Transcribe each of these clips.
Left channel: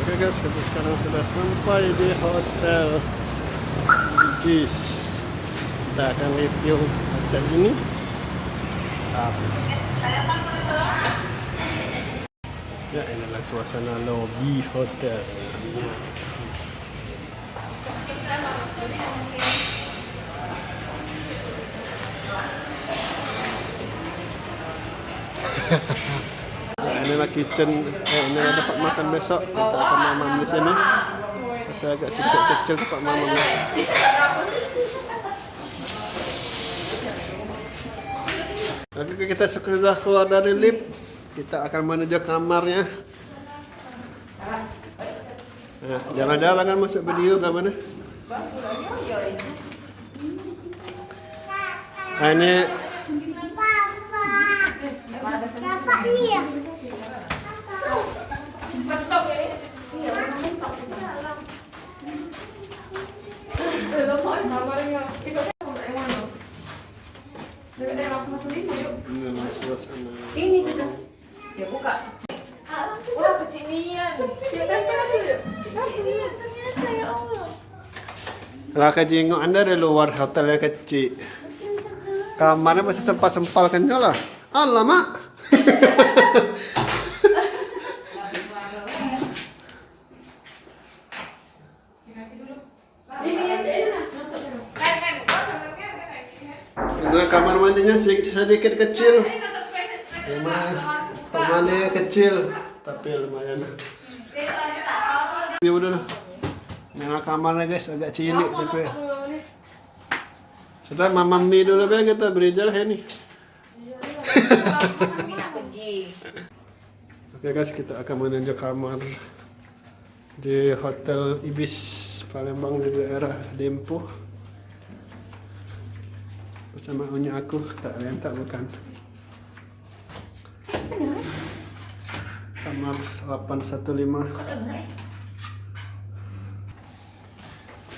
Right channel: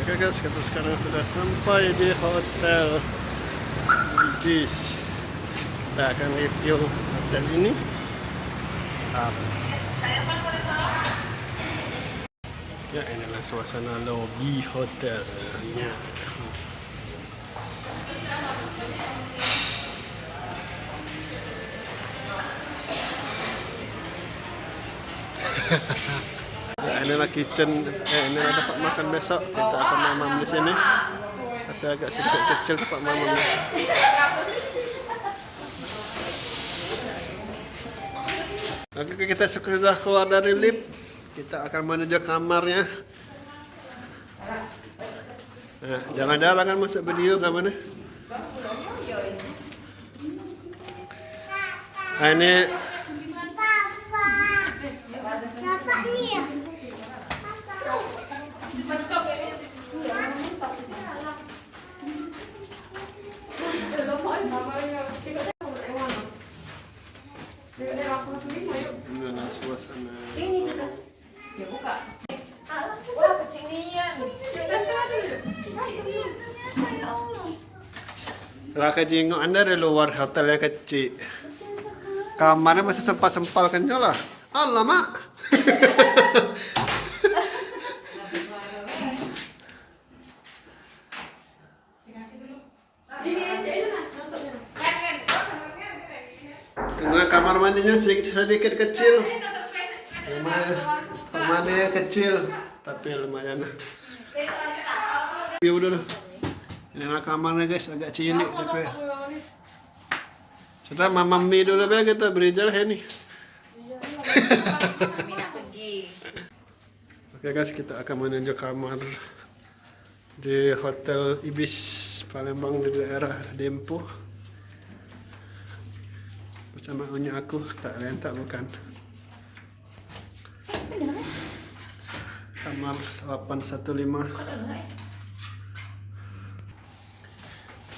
Oke guys, kita sekarang sudah sampai di hotel Ibis. Kita akan review hotel ini. Ya, inilah suasana lobi hotelnya. Ya, inilah kitchen. Inilah tempat makan besok. Kita akan mamam di sini. Tapi agak sedikit kecil tempat mamamnya. Oke, kita sudah keluar dari lift. Kita akan menuju kamarnya. Nah, jarang-jarang kan masuk video kamarnya. Nah, ini inilah suasana. Ini kita ya buka. Oh, kecinian. Lah kejenguk Anda dari luar hotelnya kecil. Kamarnya masih sempal kan lah. Alamak. Karena kamar mandinya sedikit kecil. Kamarnya kecil, tapi lumayan. View dulu. Inilah kamarnya guys, agak cilik tapi. Sudah mamam mie dulu ya kita beri jalan ini. Oke guys, kita akan menuju kamar di Hotel Ibis Palembang di daerah Dempo. Bersama Onya aku, tak rentak bukan. Kamar 815.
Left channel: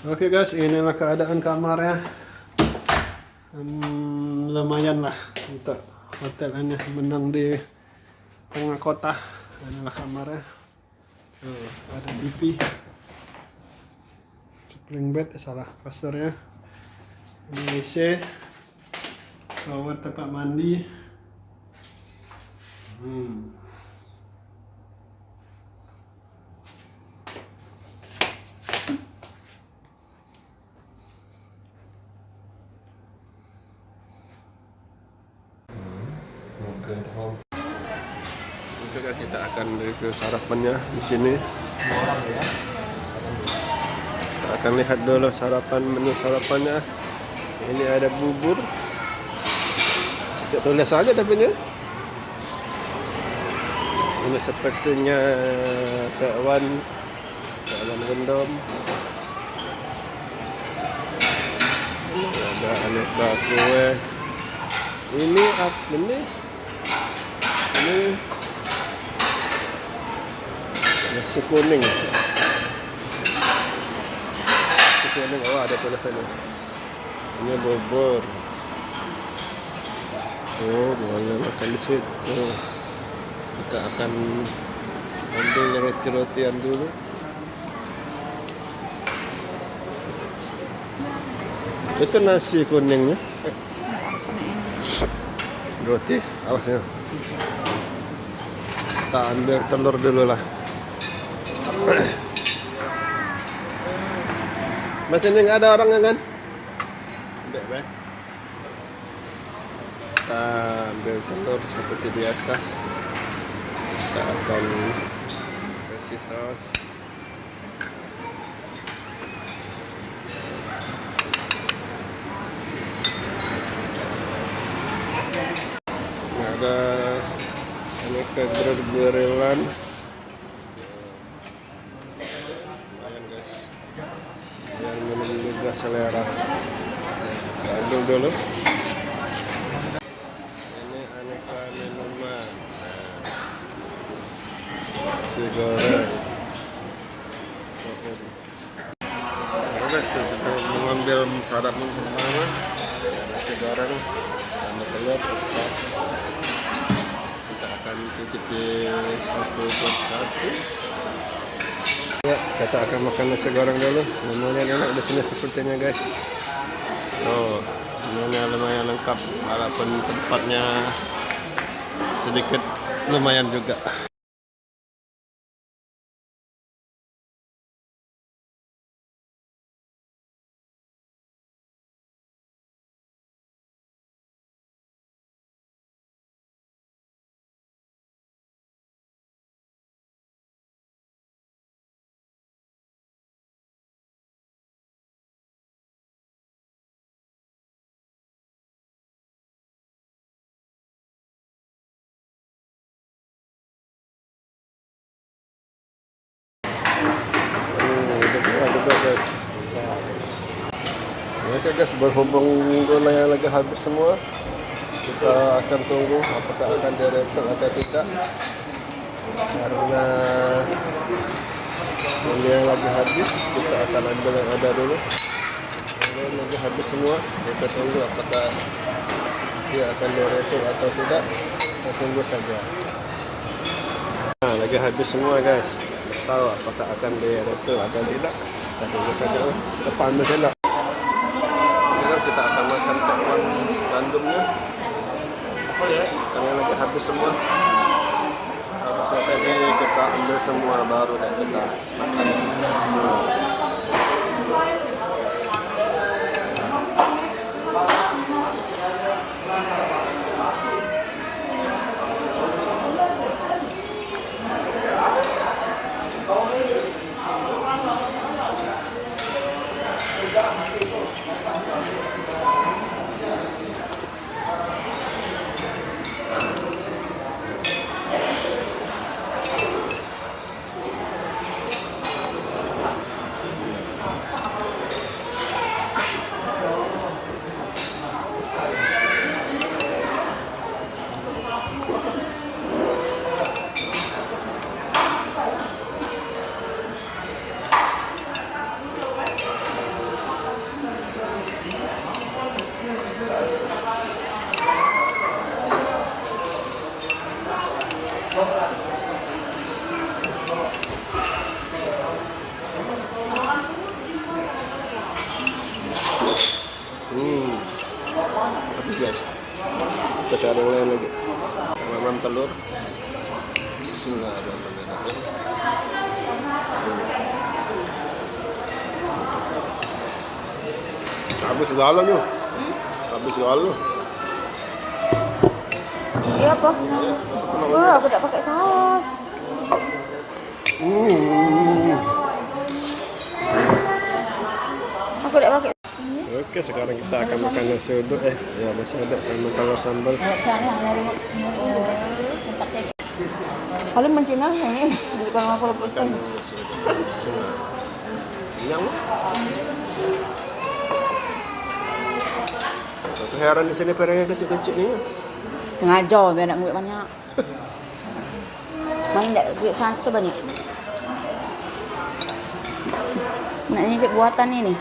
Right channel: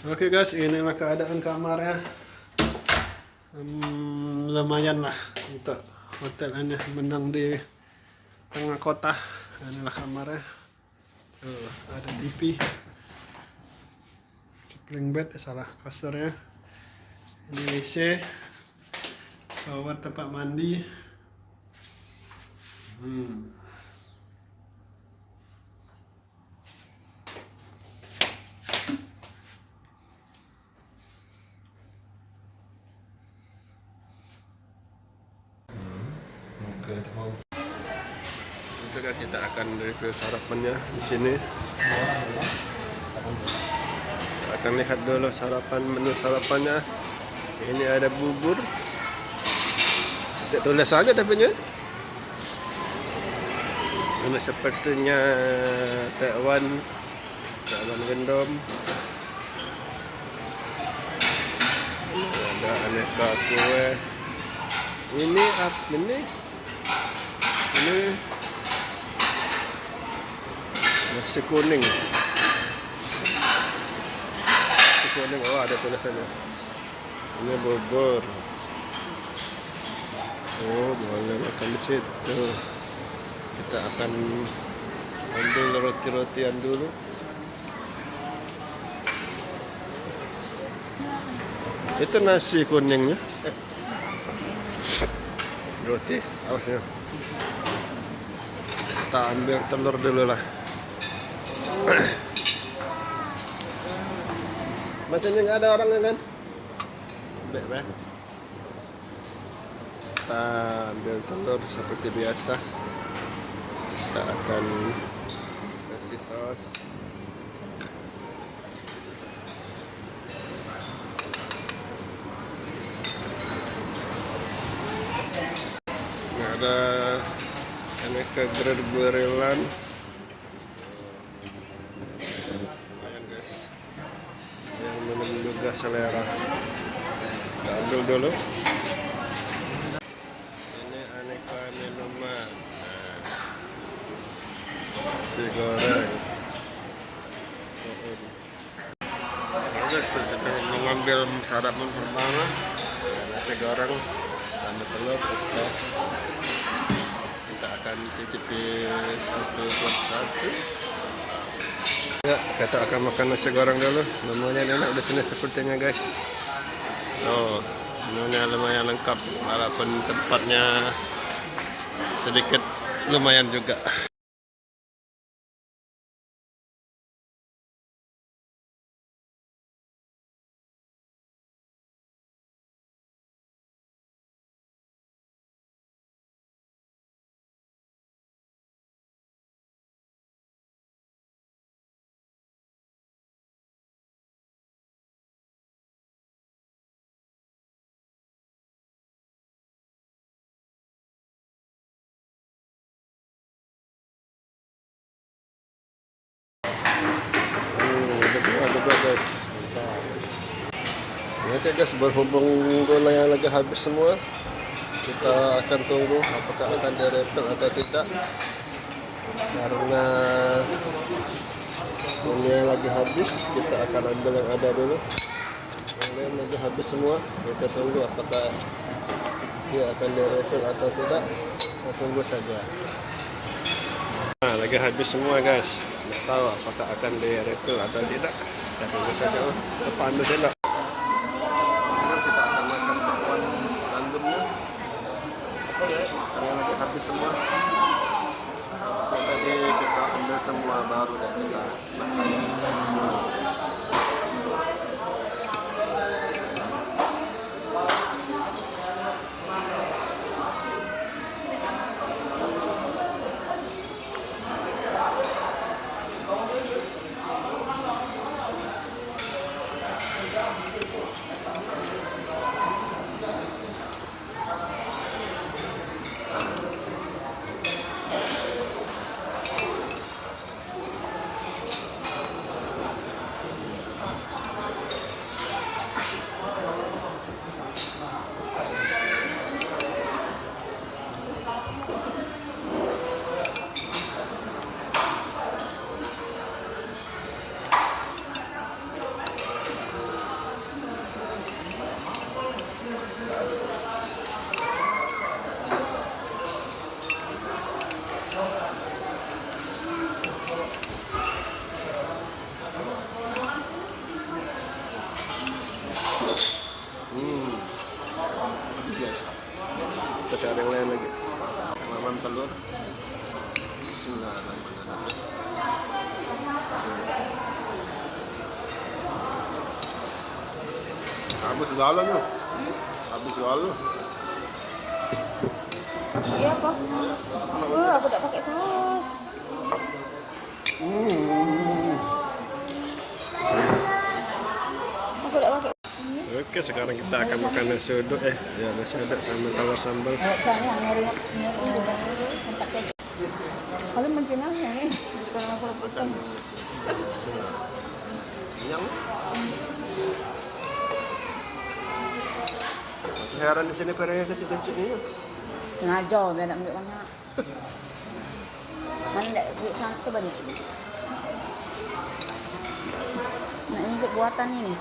Oke guys, inilah keadaan kamarnya. Lumayan lah untuk hotel ini, menang di tengah kota. Inilah kamarnya. Ada TV, spring bed, salah kasurnya. Ini WC, shower, tempat mandi. Oke guys, kita akan review sarapannya di sini. Kita akan lihat dulu menu sarapannya. Ini ada bubur. Tidak tulis saja tapi nya. Ini sepertinya Taiwan gendom. Ada aneka kue. Ini nasi kuning. Oh ada tulisannya. Ini bubur. Oh boleh makan di situ. Kita akan ambil roti-rotian dulu. Itu nasi kuningnya. Roti, awasnya. Kita ambil telur dulu lah. Mas ini nggak ada orangnya kan? Bebek. Kita ambil telur seperti biasa. Kita akan kasih saus. Ini ada aneka grill-grillan. Lumayan guys. Yang menggugah selera. Kita ambil dulu. Ini aneka minuman. Nasi goreng. Nah, guys, kita sedang mengambil sarapan pertama. Nasi goreng sama telur, pasta. Kita akan cicipi satu persatu. Ya, kita akan makan nasi goreng dulu. Menunya enak di sini sepertinya guys. Oh, menunya lumayan lengkap walaupun tempatnya sedikit lumayan juga. Udah juga guys. Oke guys, berhubung gula yang lagi habis semua, kita akan tunggu apakah akan direfill atau tidak. Karena ini yang lagi habis, kita akan ambil yang ada dulu. Yang lagi habis semua, kita tunggu apakah dia akan direfill atau tidak. Kita tunggu saja. Nah, lagi habis semua guys. Tidak tahu apakah akan direfill atau tidak. Kita tunggu saja. Kita ambil sendok. Terus kita akan makan tekwan gandumnya. Oh ya, karena lagi habis semua. Habisnya tadi kita ambil semua, baru deh kita makan. Habis guys. Kita cari yang lain lagi. Mamam telur. Bismillahirrahmanirrahim. Habis segalanya. Habis segala. Iya apa? Aku tak pakai saus. Aku tak pakai. Oke, sekarang kita akan makan nasi uduk nasi uduk sama telur sambal. Kalian mencina ini bukan aku Makan nasi uduk. Kenyang. Satu heran di sini piringnya kecil-kecil nih. ngajar biar nak ambil banyak. Main tak ambil satu banyak. Nak nyicip buatan ini.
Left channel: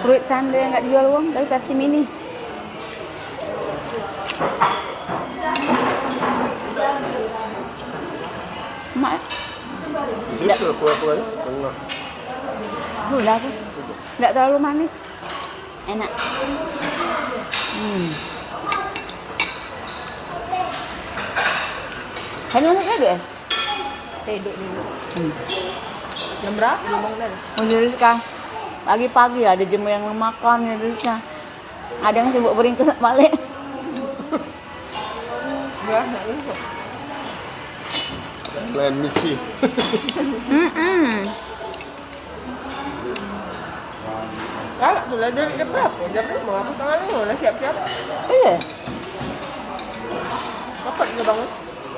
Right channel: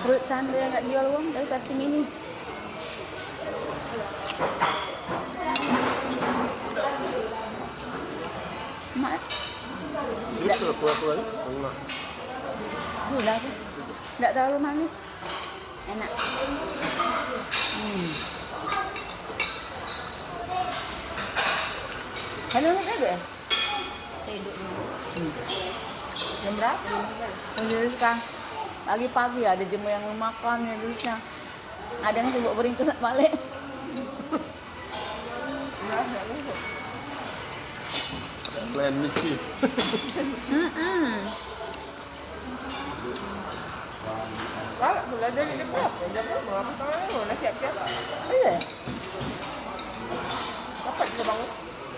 Fruit sundae yang kat jual uang dari Pepsi Mini. Mak. Itu kuah-kuahnya tengah. Sudah tu. Tak terlalu manis. Enak. Hello nak duduk eh? Duduk dulu. Jam berapa? Oh, jadi sekarang pagi-pagi ada jemu yang makan ya terusnya. Ada yang sibuk beringkus balik. Lain misi. Salah tu lah jam berapa? Jam berapa? Aku tengah dulu lah siap-siap. Iya. Cepat ke bangun.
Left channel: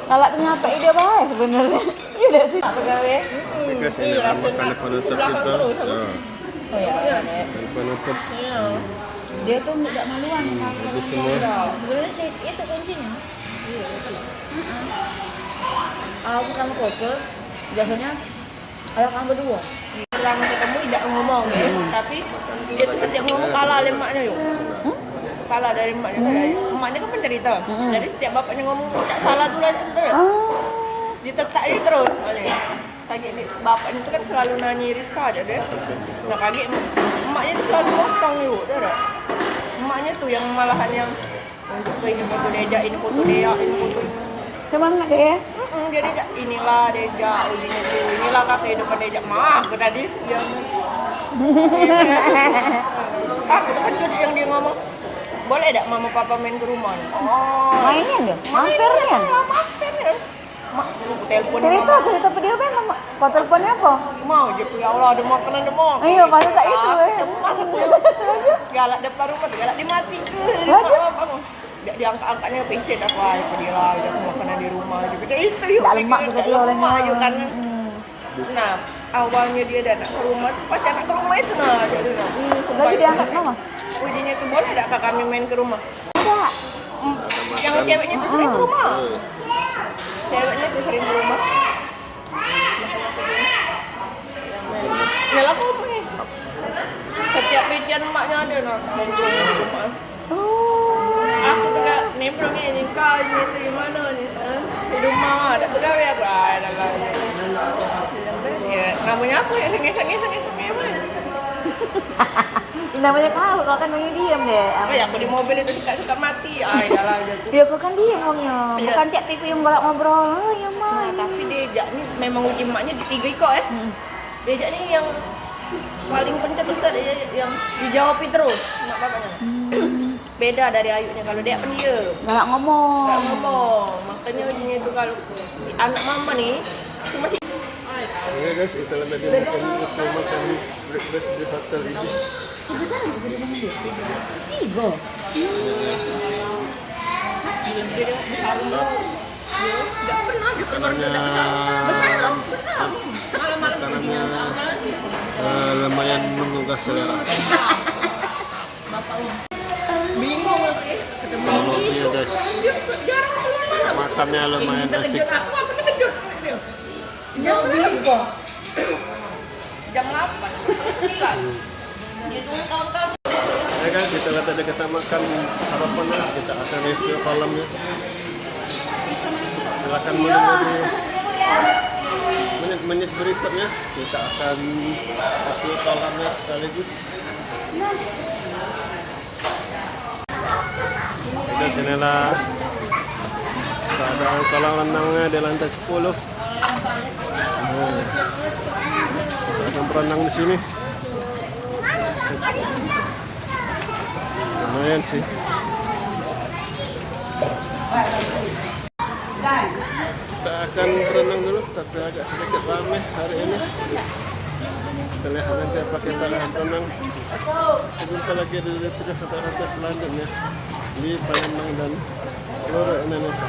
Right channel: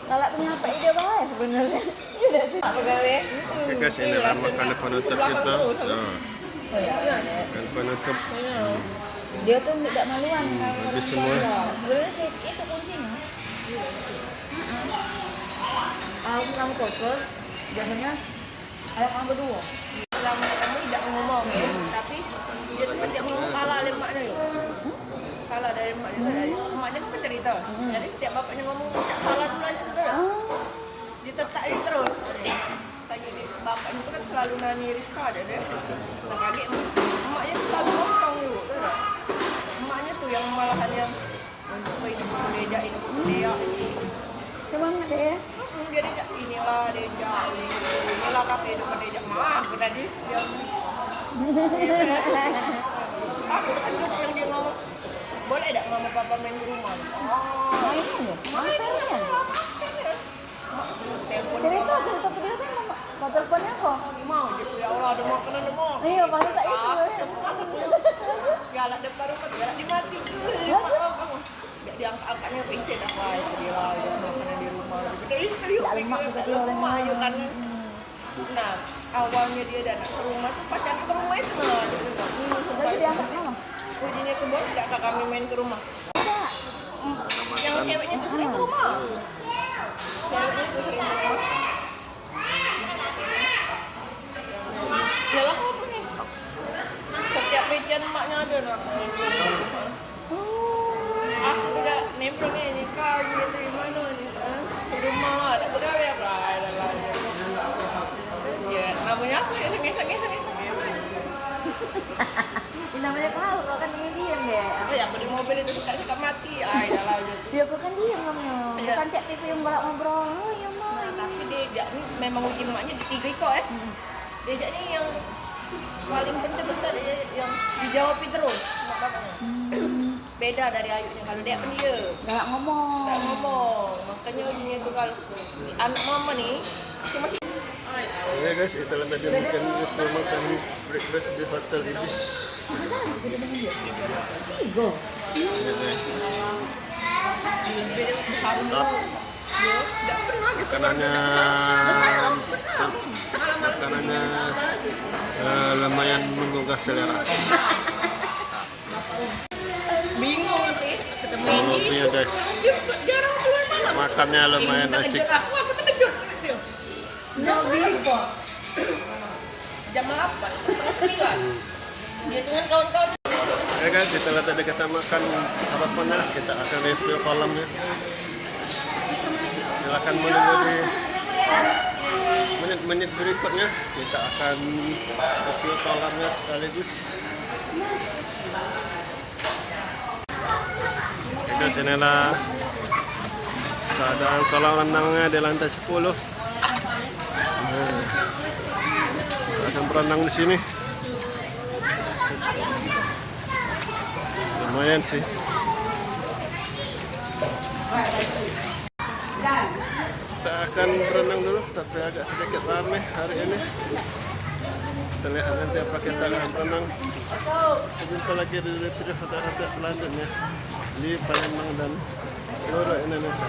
Kalau ternyata ide baik sebenarnya. Iya dah sih apa gawe? Oke guys, ini lah makanan penutup kita. Oh ya, ada. Makanan penutup. Dia tuh tidak maluan. Habis semua. Sebenarnya sih itu kuncinya. Aku kamu koper, biasanya ayah kamu berdua. Selama ketemu tidak ngomong ya. Tapi dia tuh setiap ngomong kalah oleh maknya yuk. Salah dari maknya. Maknya kan pencerita. Jadi setiap bapaknya ngomong salah dulu aja sudah. Dia tetap dia terus. kaget deh. Bapaknya itu kan selalu nanya Rizka aja deh. Nah kaget emaknya tuh selalu ngomong yuk, dah. Emaknya tuh yang malahan yang ini foto Deja, ini foto Dea, ini foto. Semangat deh ya. Dia Deja, inilah Deja, inilah kafe depan Deja. Mah, kena dia. Aku terkejut yang dia ngomong. Boleh tak mama papa main ke rumah? Oh, Mainnya deh, mampir ya. mampir ya. Telepon Cerita video kan nama. Kau teleponnya apa? mau dia ya Allah ada makanan ada mau. Ayo, pasti tak itu ya. Galak depan rumah, galak dimati ke. Dia diangkat-angkatnya pension apa dia ada makanan di rumah. Dia itu yuk. Tak lemak juga dia olehnya. Ayo kan. Nah, awalnya dia datang ke rumah, pacar ke rumah itu nah. Gaji diangkat nama. Ujinya tuh boleh tak kami main ke rumah? Ada. Yang ceweknya tuh sering ke rumah. Ceweknya tuh sering ke rumah. Yalah kau nih. Setiap weekend emaknya ada nak. Aku juga nempel nih kau ini di mana nih? Di rumah ada pegawai apa? Ada kan. Ya, namanya apa ya? Ngesek-ngesek. Namanya kau kan main diam deh. Apa ya? Aku di mobil itu suka mati. Ah, iyalah gitu. Ya kau kan diam orangnya. Bukan cek TV yang bolak ngobrol. Oh, ya Nah, mah. tapi Deja nih memang uji emaknya di 3 kok ya. Deja nih yang paling penting tuh tadi yang dijawabin terus sama bapaknya. Beda dari Ayunya kalau dia pendiam. Galak ngomong. Nggak ngomong. Makanya ujinya itu kalau anak mama nih cuma sih. Oke guys, itulah tadi makan breakfast di Hotel Ibis. Tiga. Makanannya lumayan menggugah selera. Bingung nanti ketemu Ini ya guys, makannya lumayan asik. Aku terkejut. Jam berapa? Jam 8. Itu kawan-kawan. Ya guys, setelah tadi kita makan sarapannya, kita akan review kolamnya. Silakan menunggu di menit-menit berikutnya. Kita akan review kolamnya sekaligus. Ya guys, inilah keadaan kolam renangnya di lantai 10. Nah, kita akan berenang di sini. Lumayan sih. Kita akan berenang dulu, tapi agak sedikit ramai hari ini. Kita lihat nanti apa kita akan berenang. Jumpa lagi di video kata-kata selanjutnya di Palembang dan seluruh Indonesia.